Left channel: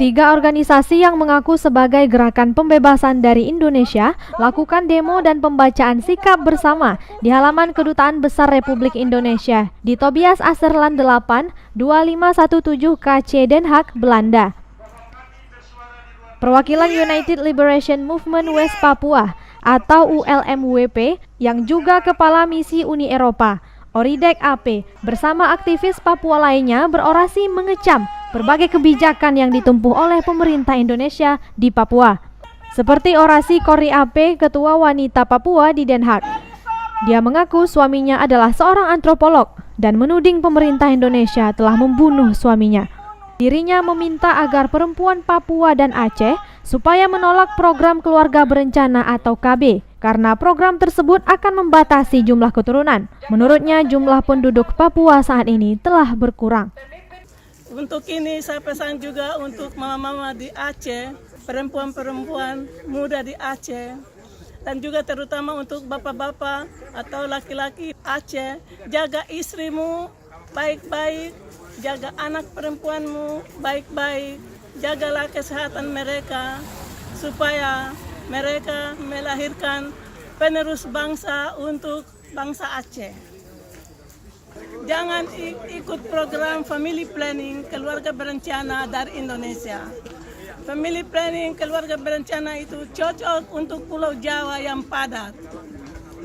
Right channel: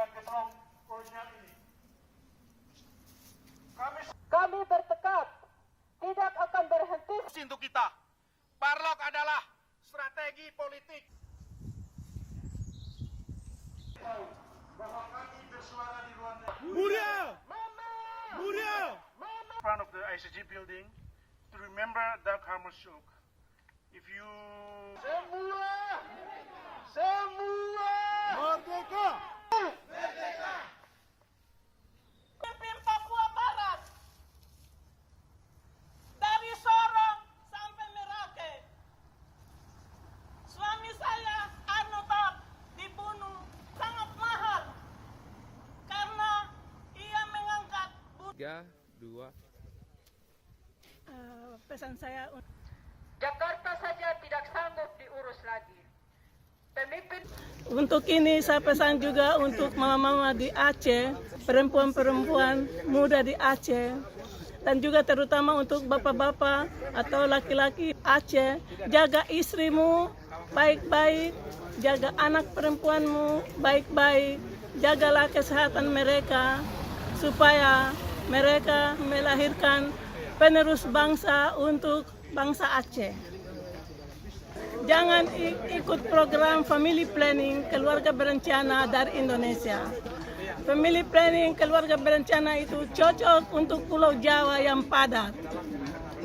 Tiga organisasi yang mengaku sebagai Gerakan Pembebasan dari Indonesia lakukan demo dan pembacaan sikap bersama di halaman Kedutaan Besar Republik Indonesia di Tobias Aserland 8, 2517 KC Den Haag, Belanda. Perwakilan United Liberation Movement West Papua atau ULMWP yang juga Kepala Misi Uni Eropa, Oridek AP, bersama aktivis Papua lainnya berorasi mengecam berbagai kebijakan yang ditempuh oleh pemerintah Indonesia di Papua. Seperti orasi Kori AP, Ketua Wanita Papua di Den Haag. Dia mengaku suaminya adalah seorang antropolog dan menuding pemerintah Indonesia telah membunuh suaminya. Dirinya meminta agar perempuan Papua dan Aceh supaya menolak program keluarga berencana atau KB karena program tersebut akan membatasi jumlah keturunan. Menurutnya jumlah penduduk Papua saat ini telah berkurang. Untuk ini saya pesan juga untuk mama-mama di Aceh, perempuan-perempuan muda di Aceh, dan juga terutama untuk bapak-bapak atau laki-laki Aceh, jaga istrimu baik-baik, jaga anak perempuanmu baik-baik, jagalah kesehatan mereka supaya mereka melahirkan penerus bangsa untuk bangsa Aceh. Jangan ikut program family planning keluarga berencana dari Indonesia. Family planning keluarga berencana itu cocok untuk Pulau Jawa yang padat.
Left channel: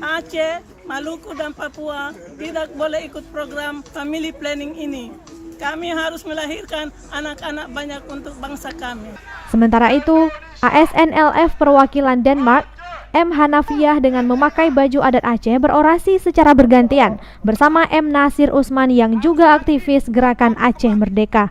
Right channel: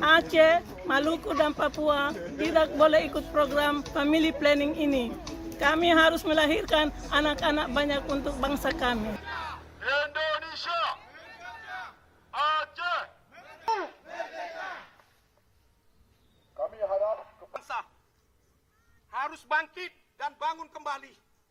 Aceh, Maluku, dan Papua tidak boleh ikut program family planning ini. Kami harus melahirkan anak-anak banyak untuk bangsa kami. Sementara itu, ASNLF perwakilan Denmark, M. Hanafiah dengan memakai baju adat Aceh berorasi secara bergantian bersama M. Nasir Usman yang juga aktivis Gerakan Aceh Merdeka.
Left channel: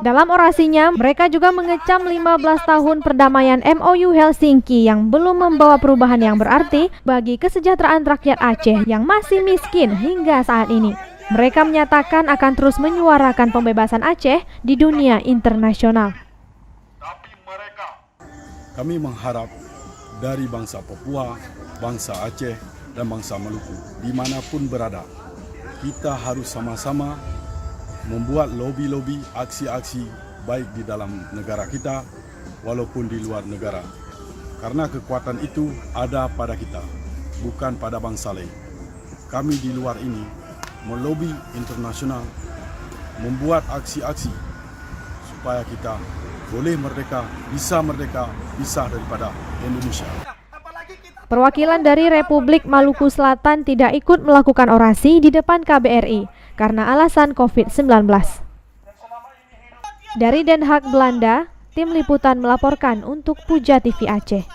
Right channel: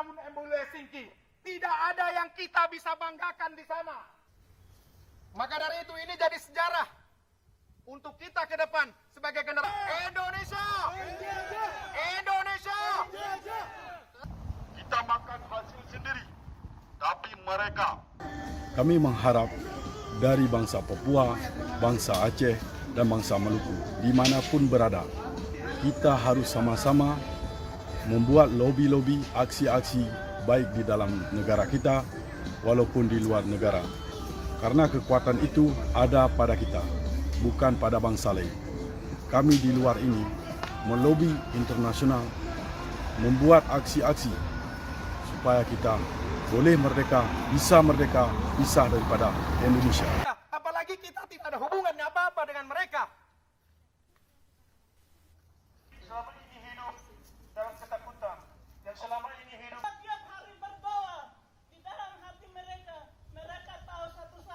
Dalam orasinya, mereka juga mengecam 15 tahun perdamaian MOU Helsinki yang belum membawa perubahan yang berarti bagi kesejahteraan rakyat Aceh yang masih miskin hingga saat ini. Mereka menyatakan akan terus menyuarakan pembebasan Aceh di dunia internasional. Kami mengharap dari bangsa Papua, bangsa Aceh, dan bangsa Maluku, dimanapun berada, kita harus sama-sama membuat lobi-lobi, aksi-aksi baik di dalam negara kita, walaupun di luar negara. Karena kekuatan itu ada pada kita, bukan pada bangsa lain. Kami di luar ini melobi internasional, membuat aksi-aksi supaya kita boleh merdeka, bisa daripada Indonesia. Perwakilan dari Republik Maluku Selatan tidak ikut melakukan orasi di depan KBRI karena alasan COVID-19. Dari Den Haag, Belanda, tim liputan melaporkan untuk Puja TV Aceh.